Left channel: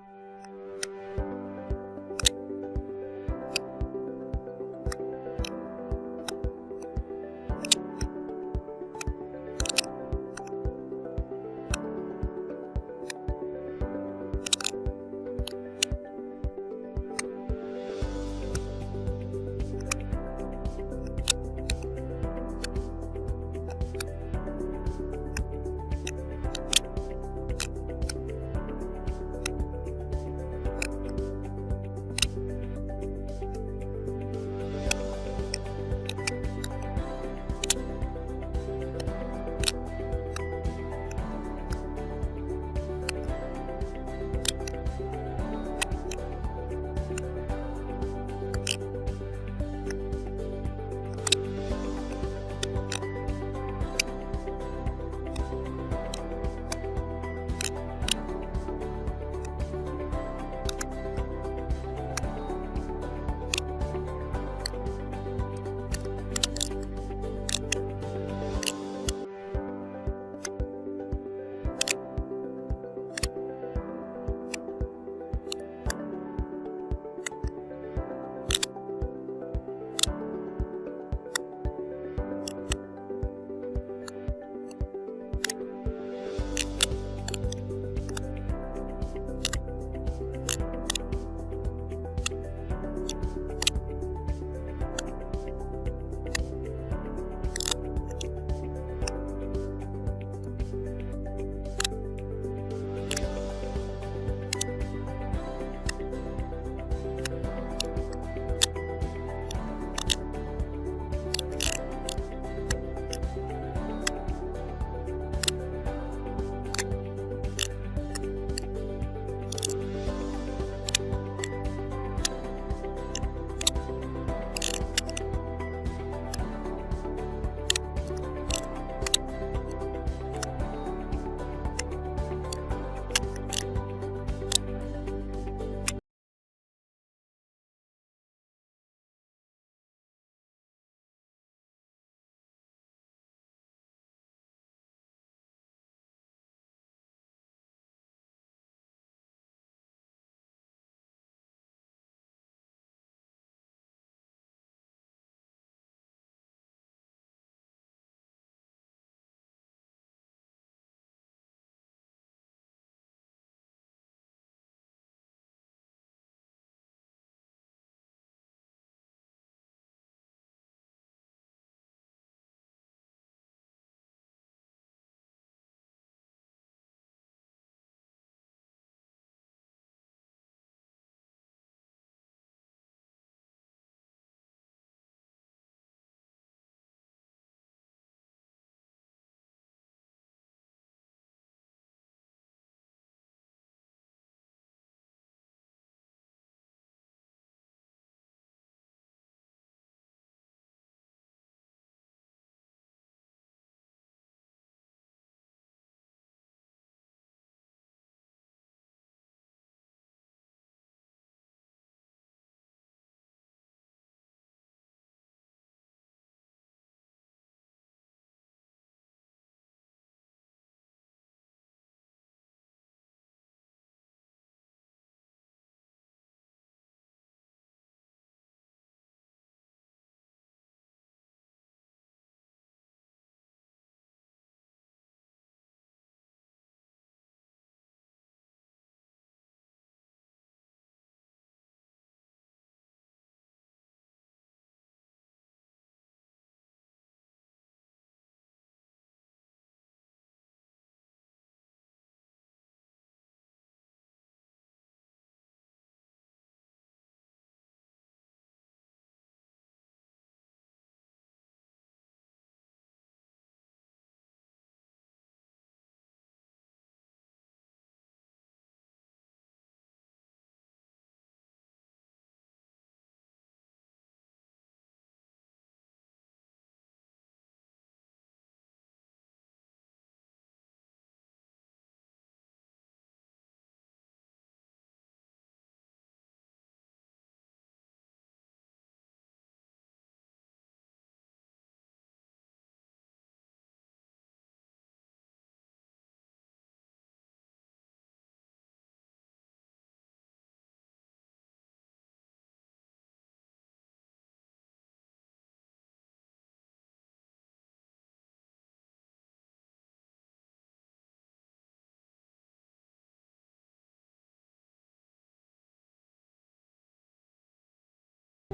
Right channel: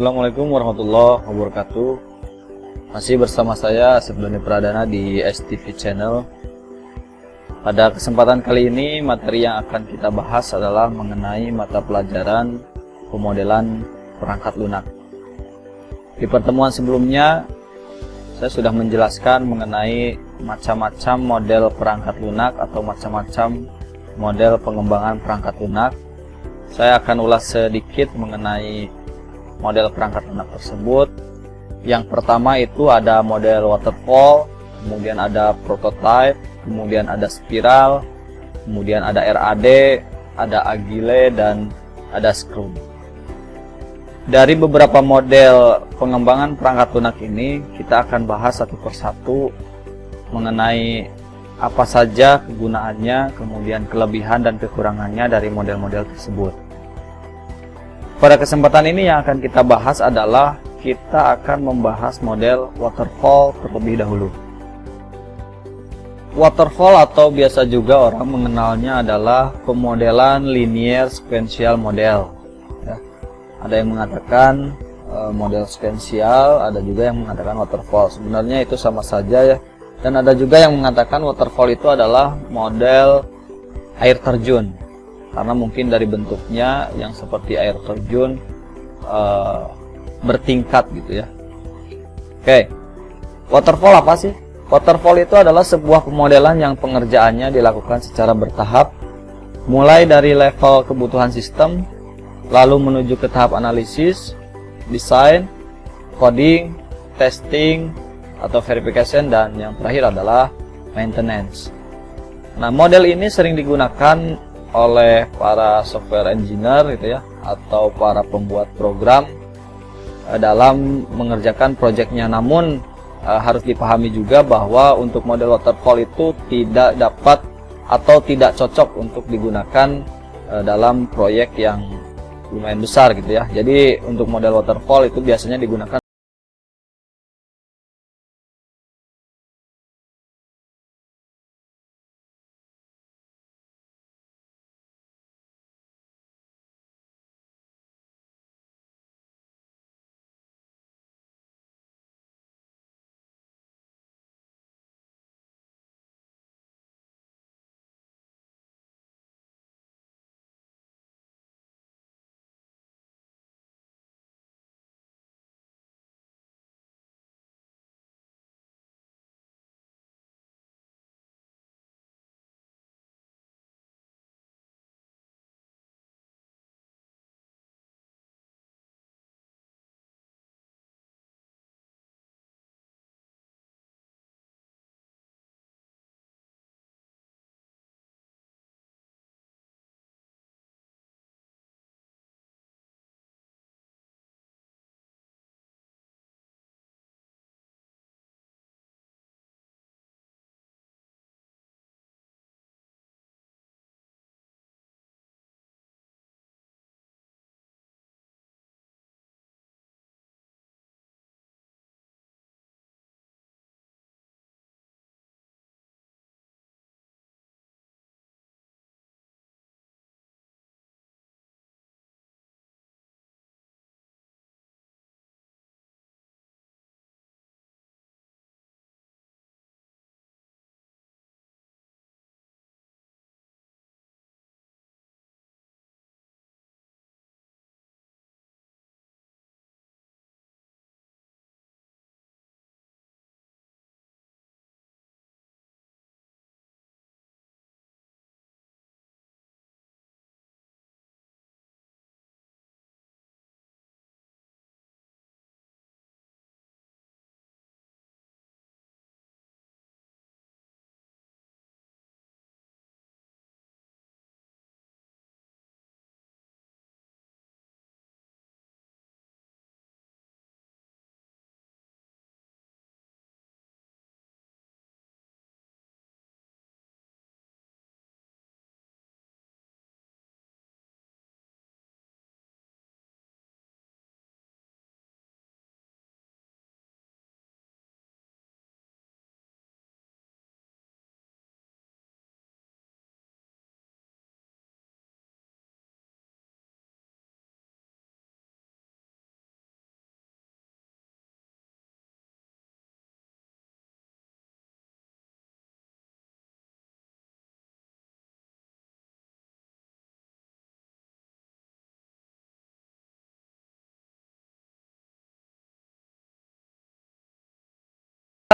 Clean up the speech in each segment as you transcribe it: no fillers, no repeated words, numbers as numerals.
Assalamualaikum warahmatullahi wabarakatuh. Masih bersama saya Asep Doni Pradana di STV Channel. Pada kesempatan kali ini, materi yang akan kita bahas adalah mengenai mata pelajaran pemodelan perangkat lunak. Di pertemuan sebelumnya, saya sudah menjelaskan mengenai macam-macam model perangkat lunak atau macam-macam model pengembangan perangkat lunak. Saya akan ulas sedikit mengenai model perangkat lunak tersebut. Yang pertama itu ada model waterfall, kemudian ada prototype, kemudian ada spiral, kemudian ada RAD, ada agile, dan ada scrum. Dari beberapa model pengembangan perangkat lunak ini, kita akan bahas satu persatu mengenai apa saja kegunaannya, kemudian kelebihan dan kekurangannya dari model-model tersebut. Pada kesempatan ini yang akan kita bahas adalah kita akan membahas model waterfall terlebih dahulu. Waterfall atau biasa juga orang mengenalnya adalah pemodelan linear sequential model. Ya. Ada yang mengatakan model sequential, ada juga yang mengatakan waterfall. Sebenarnya itu sama saja ya. Dan ada juga yang mengatakan waterfall itu adalah model air terjun. Karena mungkin dari bentuknya yang seperti air terjun bertingkat gitu ya. Oke, waterfall apa sih? Waterfall itu adalah sebuah pemodelan yang pengerjaannya dilakukan secara bertahap, mulai dari level kebutuhan sistem, lalu menuju ke tahap analisis, desain, coding, testing atau verification, dan yang terakhir adalah maintenance. Nah, model ini sering digunakan oleh para software engineer gitu ya, atau para pembuat program dalam mengerjakan proyeknya. Namun harus dipahami juga bahwa untuk model waterfall itu tidak dapat atau tidak cocok untuk digunakan dalam proyek yang lumayan besar gitu ya. Jadi untuk model waterfall itu biasanya digunakan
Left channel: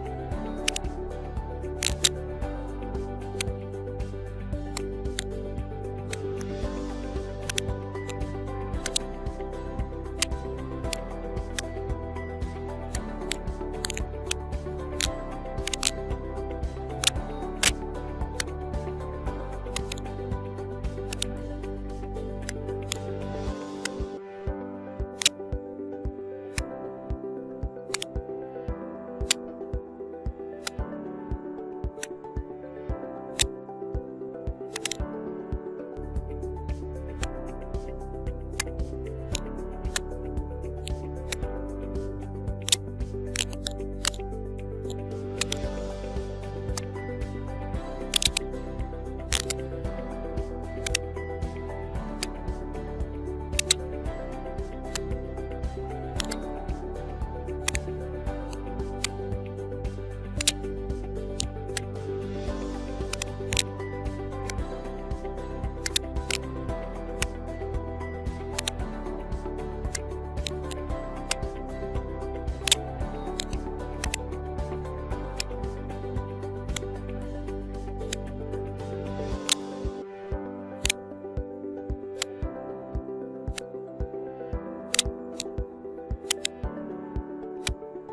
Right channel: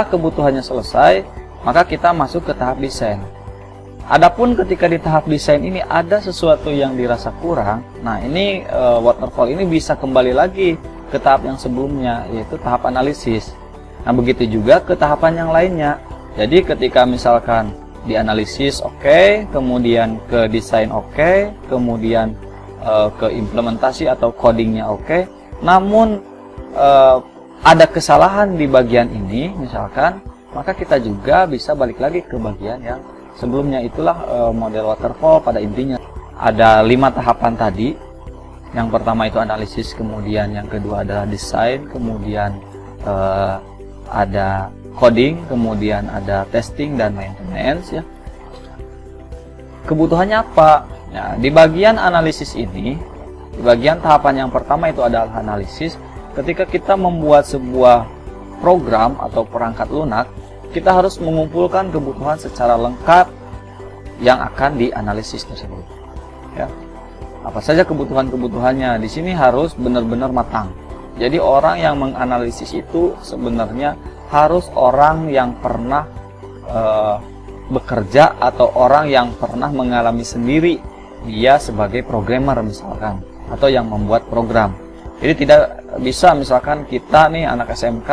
kebutuhannya selesai, maka kita masuk ke tahap desain. Adapun ketika di tahap desain ini ada sesuatu yang dirasa kurang, nah ini waterfall ini bisa kembali lagi ke tahap yang sebelumnya, yaitu tahap analisis. Nah begitu juga ke tahapan yang lainnya. Jadi ketika misalkan di analisis oke, kemudian ke desain oke, kemudian ke implementasi atau codingnya oke, namun ada kesalahan di bagian ini misalkan, maka kita juga bisa balik lagi ke bagian yang sebelumnya. Itulah model waterfall pada intinya. Ada 5 tahapan tadi. Yang pertama itu analisis, kemudian yang kedua adalah desain, kemudian ada coding, kemudian ada testing dan maintenance ya. Kebutuhannya apa? Nah, di bagian analisis ini, di bagian tahapan yang pertama itu adalah analisis. Ketika kita membuat sebuah program atau perangkat lunak, kita harus mengumpulkan kebutuhan secara lengkap yang akan dianalisis tersebut. Ya. Apa saja kebutuhan-kebutuhannya? Di sini harus benar-benar matang. Jadi orang yang menganalisis itu sebenarnya harus orang yang pernah bekerja atau orang yang pernah mengalami sendiri dia sebagai programmer misalkan, atau yang membuat program. Jadi tidak bisa misalkan kita nih anak SMK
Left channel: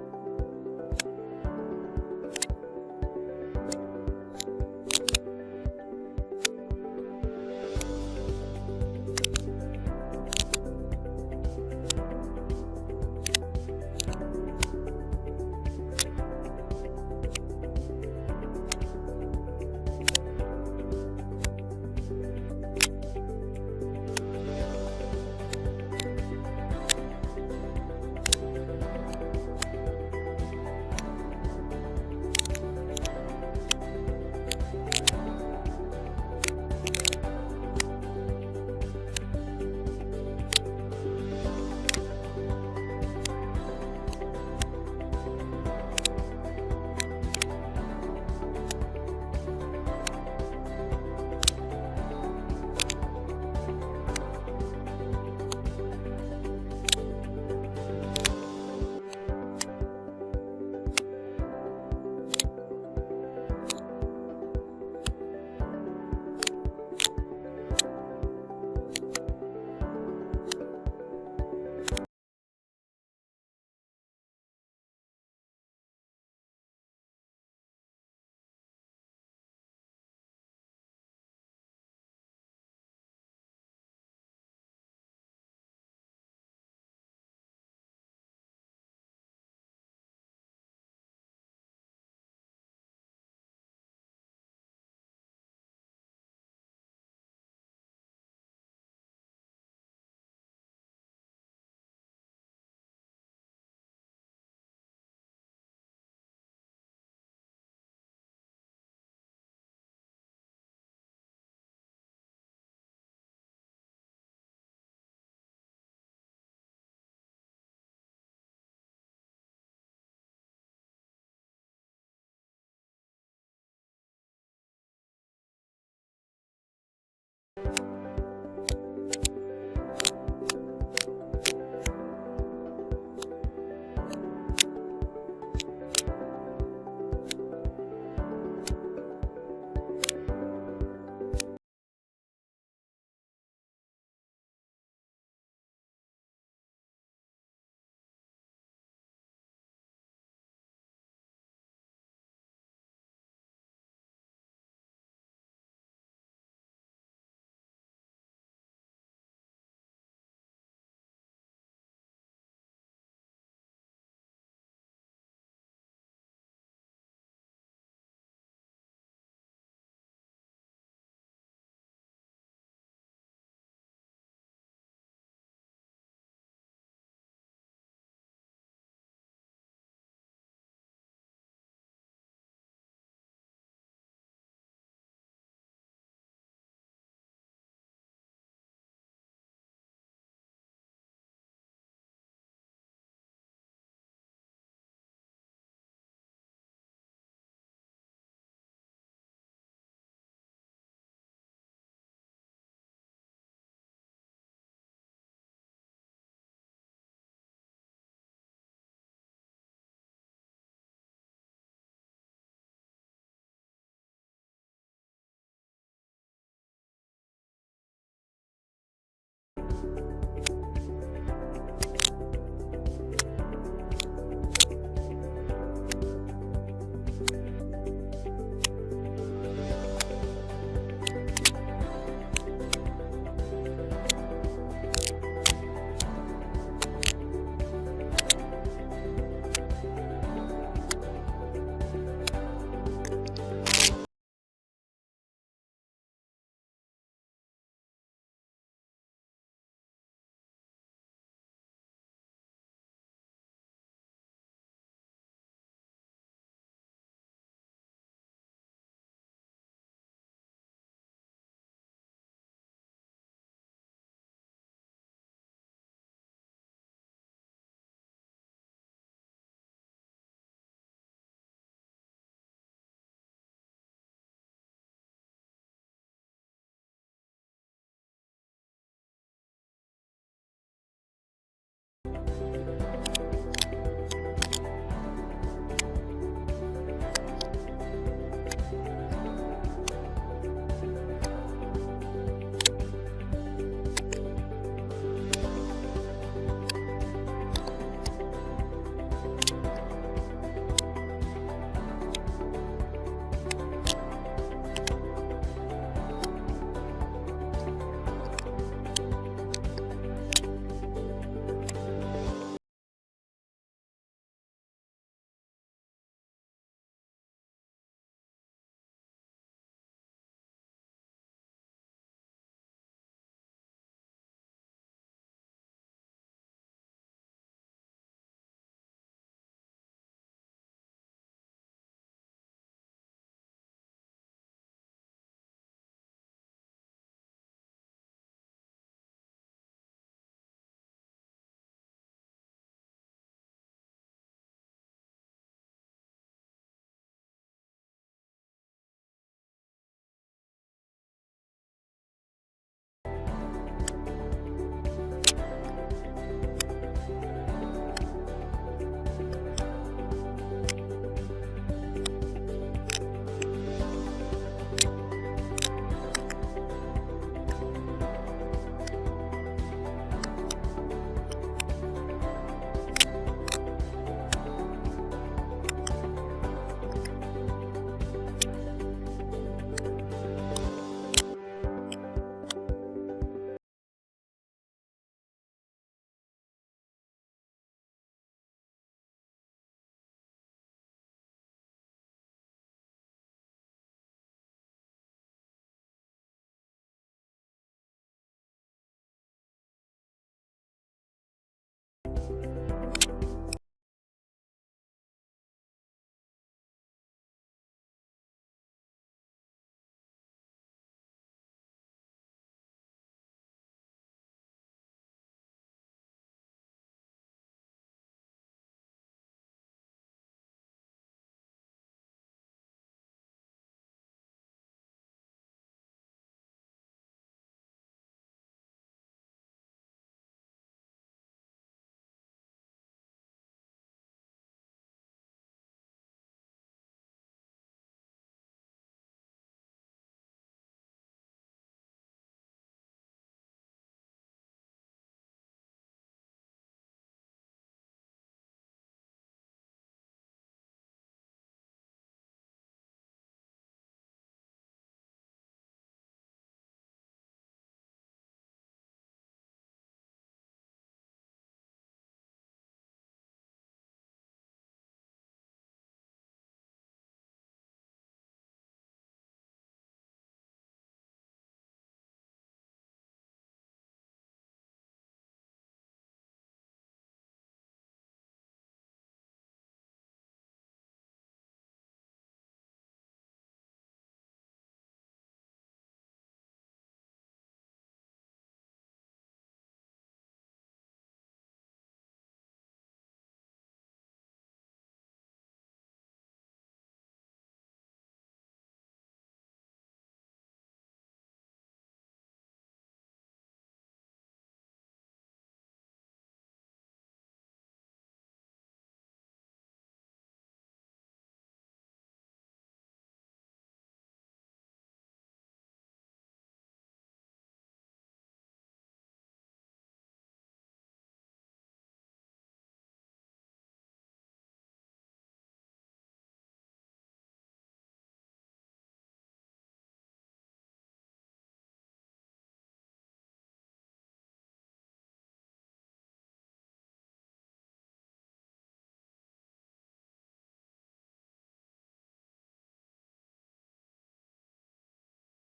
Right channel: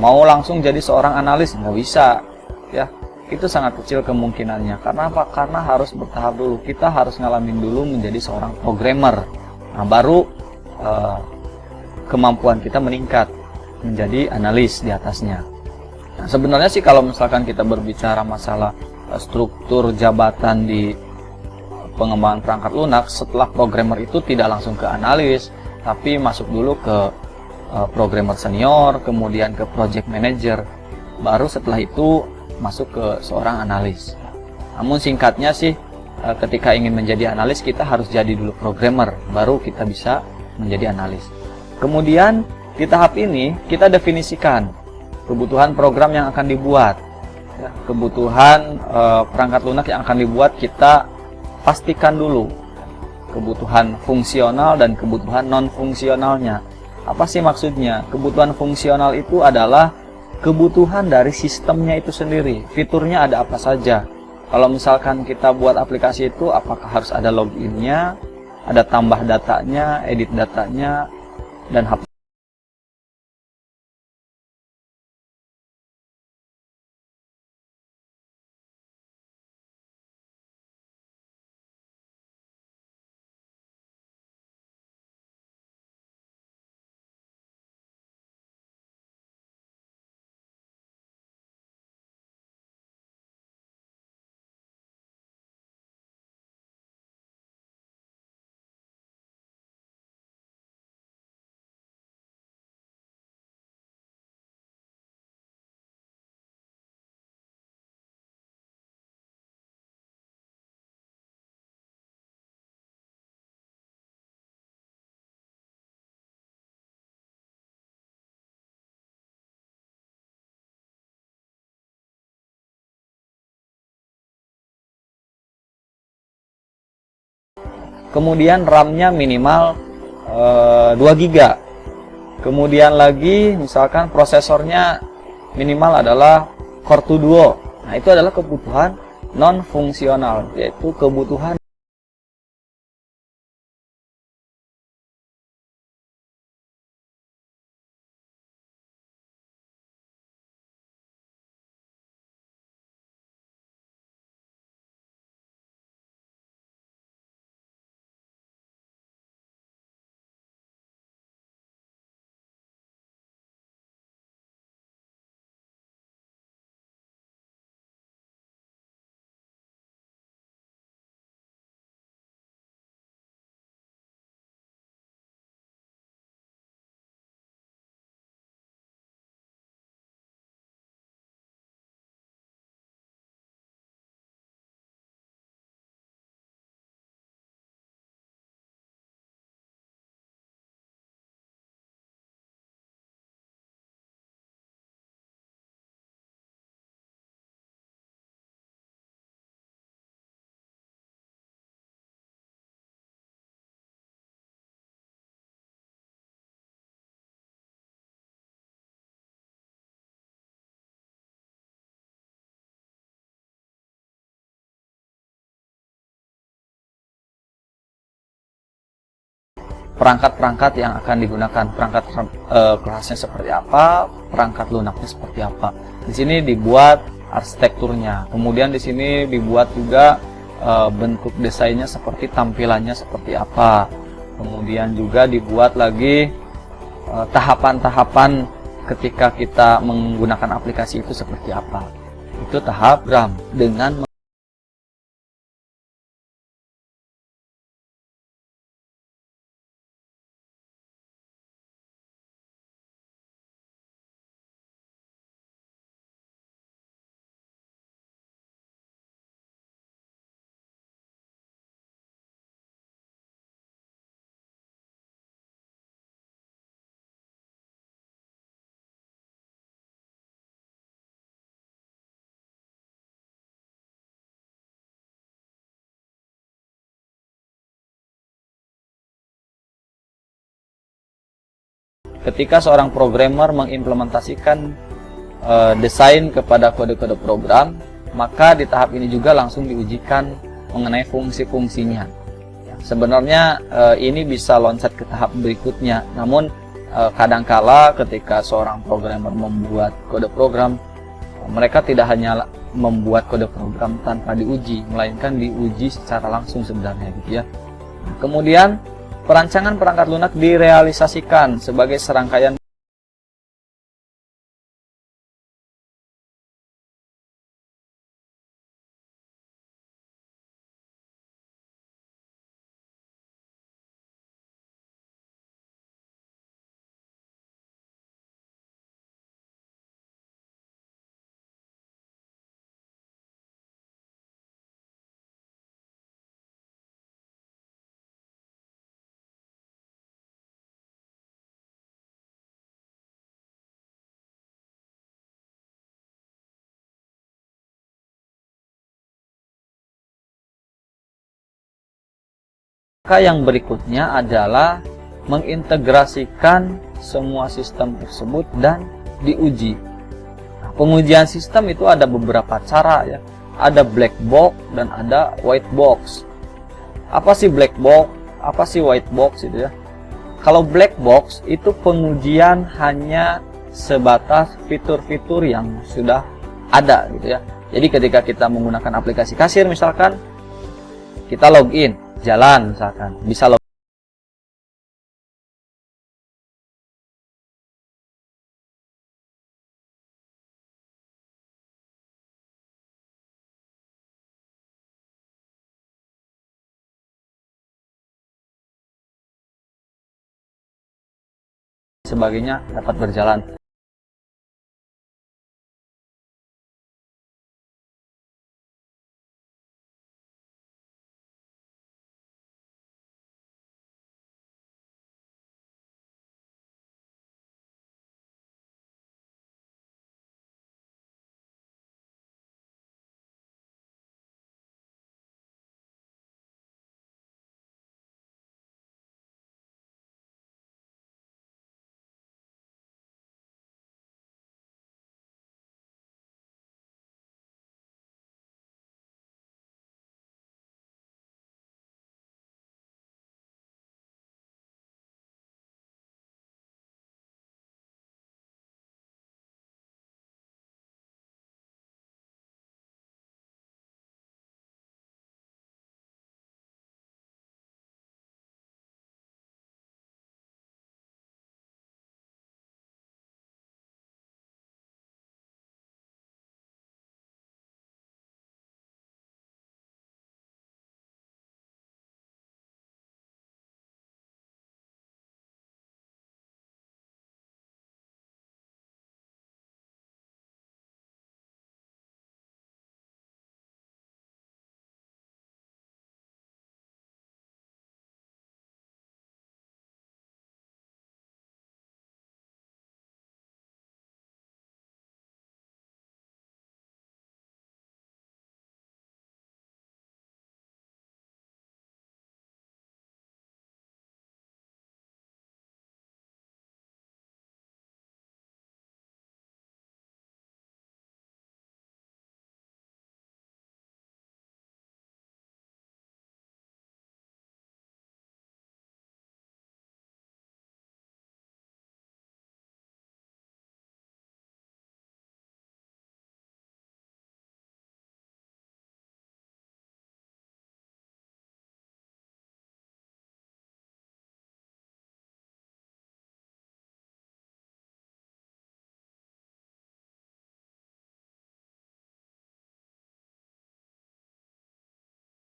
mau langsung jadi seorang analis, nggak bisa ya, itu sangat kecil kemungkinannya. Karena apa? Karena harus bertahap dulu, kita harus ngalamin dulu menjadi seorang programmer. Nah baru kemampuan kita meningkat menjadi analis di atasnya. Nah sebenarnya sih kalau misalkan kita berbicara masalah struktur jabatan di pengembangan perangkat lunak, setelah programmer itu tidak langsung ke analis, tapi masuk dulu ke programmer senior, kemudian ke project manager, baru setelah itu masuk ke seorang analis. Namun singkatnya sih, ketika ingin menjadi analis kita harus jadi dulu programmer, baru kita bisa menjadi analis. Kemudian di tahap ini kita definisikan kebutuhan program yang akan dibuat, kebutuhan perangkat lunak yang akan dibuat kita pastikan dulu kebutuhan fungsional dan kebutuhan non fungsionalnya. Apa sih maksudnya? Kebutuhan fungsional itu adalah kebutuhan dari sistemnya itu sendiri. Fiturnya ada apa saja. Kalau misalkan kita buat aplikasi itu, apakah harus ada loginnya, ada tambah datanya, edit datanya, dan kemudian RAM-nya minimal 2 GB. Kemudian lagi misalkan prosesornya minimal adalah Core 2 Duo. Nah, itu adalah kebutuhan non fungsional, yaitu kebutuhan perangkat-perangkat yang akan digunakan, perangkat kelasnya seperti apa, perangkat lunaknya seperti apa. Di sini dibuat arsitekturnya, kemudian di sini dibuat juga bentuk desainnya seperti tampilannya seperti apa, kemudian juga dibuat lagi tahapan-tahapan ketika kita menggunakan aplikasi itu seperti apa. Itu tahap program dengan ketika seorang programmer mengimplementasikan desain kepada kode-kode program, maka di tahap ini juga langsung diujikan mengenai fungsi-fungsinya. Sebenarnya ini bisa loncat ke tahap berikutnya, namun kadangkala ketika seorang programmer membuat kode program, mereka tidak hanya membuat kode program tanpa diuji, melainkan diuji secara langsung sebenarnya gitu ya. Kemudian perancangan perangkat lunak direalisasikan sebagai serangkaian yang berikutnya adalah mengintegrasikan semua sistem tersebut dan diuji. Pengujian sistem itu ada beberapa cara ya. Ada black box dan ada white box. Apa sih black box? Apa sih white box itu ya? Kalau black box itu pengujian hanya sebatas fitur-fitur yang sudah ada gitu ya. Jadi ketika kita menggunakan aplikasi kasir misalkan, kita login, jalan misalkan, bisa login. Sebagainya dapat berjalan.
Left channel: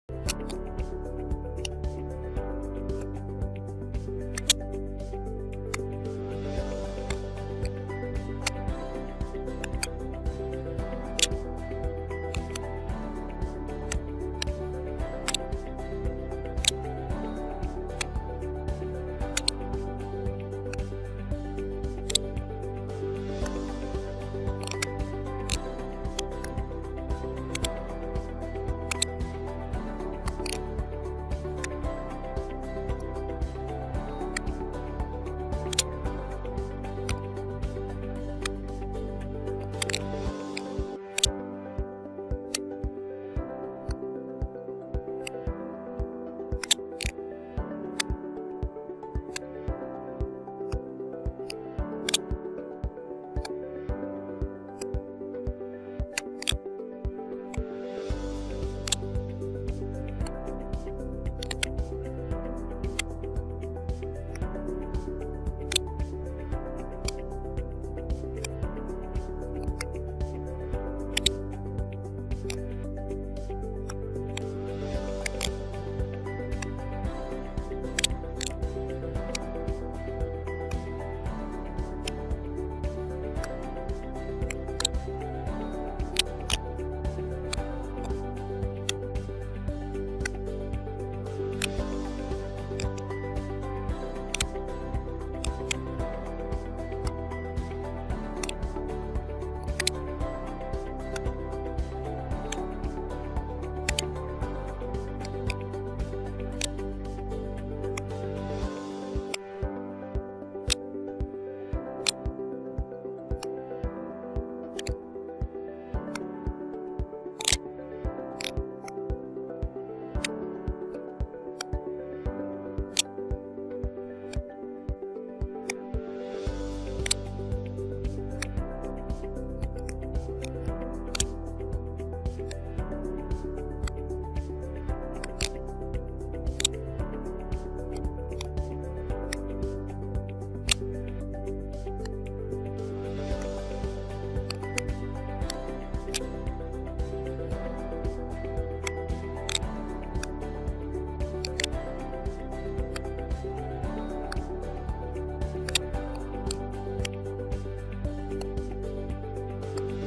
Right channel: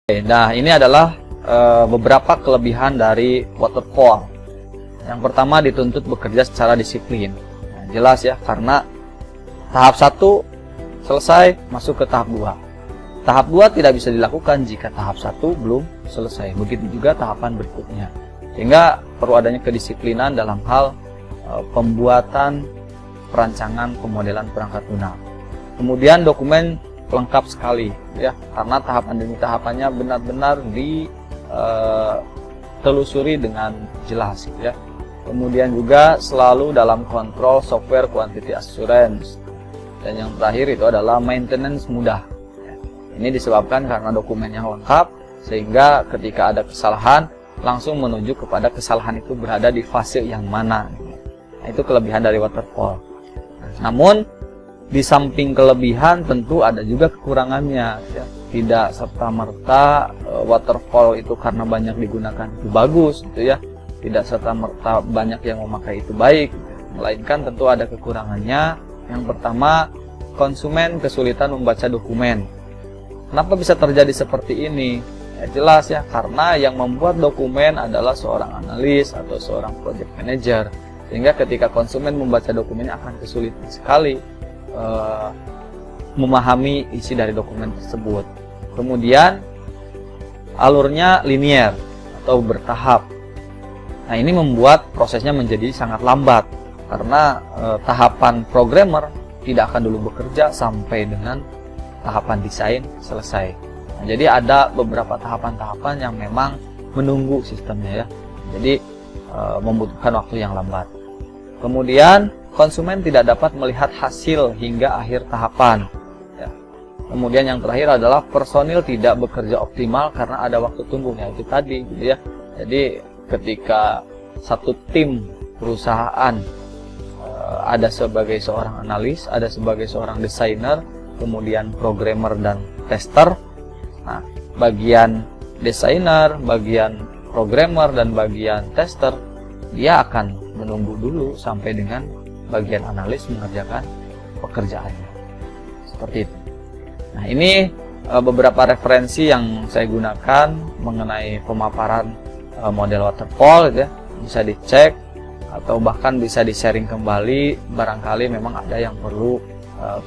Nah, ini adalah beberapa kelebihan dari waterfall. Yang pertama, dituntut bekerja secara disiplin. Nah, jelas ya, karena tahap 1 selesai, masuk ke tahap 2. Tahap 2 tidak bisa dilakukan jika tahap 1 belum selesai. Begitu juga tahapan berikutnya. Sehingga perlu adanya kedisiplinan dalam hal pembuatan perancangan pemodelan perangkat lunak. Kemudian dokumen lengkap sekali ya, karena tahapan demi tahapannya benar-benar ditelusuri dengan jelas ya. Kemudian juga selalu dalam kontrol software quantity assurance. Dan yang terakhir itu adalah maintenance mudah. Ini disebabkan karena dokumen yang lengkap, sehingga ketika ada kesalahan langsung menuju kepada kesalahan itu berada di fase yang mana. Nah, itu kelebihan dari waterfall. Namun di samping kelebihan tentu ada juga kekurangannya ya. Tidak serta-merta waterfall itu karena banyak digunakan itu bagus gitu ya. Tidak serta-merta banyak yang memakai itu baik, melainkan tentu ada kekurangannya. Yang pertama, konsumen kesulitan membaca dokumen. Kenapa bisa terjadi seperti ini? Ya, jelas ya, karena yang membuat dokumen adalah seorang analis atau seorang project manager. Sehingga ketika konsumen membaca dokumennya akan kesulitan sekali memahami isi dari dokumen tersebut. Kemudian alurnya linier atau bertahap. Nah, ini membuat prosesnya menjadi sangat lambat karena tahapan programmer tidak akan dulu bekerja sampai dengan tahapan desain selesai. Nah, jadi ada beberapa tahapan-tahapan yang memang menunggu sistemnya ya. Jadi membutuhkan waktu yang lambat. Kemudian konsumen tidak dapat melihat hasil hingga akhir tahapan ya. Kemudian yang terakhir adalah personil tidak bekerja optimal karena ada waktu tunggu ya, itu tadi gitu ya. Jadi ketika satu tim perusahaan ada sebagai seorang analis, ada sebagai seorang desainer, kemudian programmer dan tester. Nah, bagian desainer, bagian programmer dan bagian tester dia akan menunggu dulu sampai dengan bagian analis mengerjakan pekerjaannya. Seperti itu. Nah, ini beberapa referensi yang saya gunakan mengenai pemaparan model waterfall ya. Bisa dicek atau bahkan bisa di-sharing kembali, barangkali memang ada yang perlu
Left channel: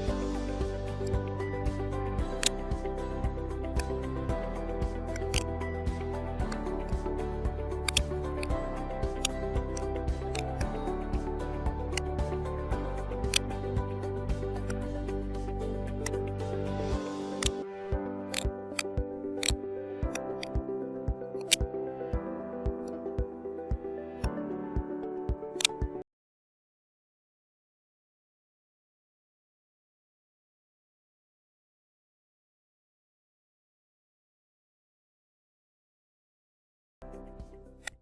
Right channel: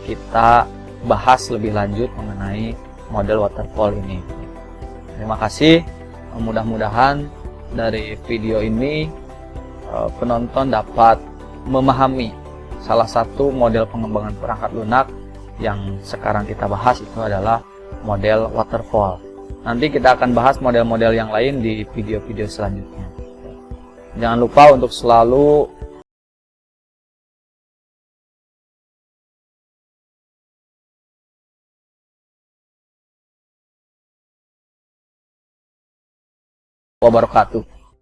kita bahas lebih lanjut mengenai model waterfall ini. Terima kasih. Mudah-mudahan dari video ini penonton dapat memahami salah satu model pengembangan perangkat lunak yang sekarang kita bahas itu adalah model waterfall. Nanti kita akan bahas model-model yang lain di video-video selanjutnya. Jangan lupa untuk selalu wabarakatuh.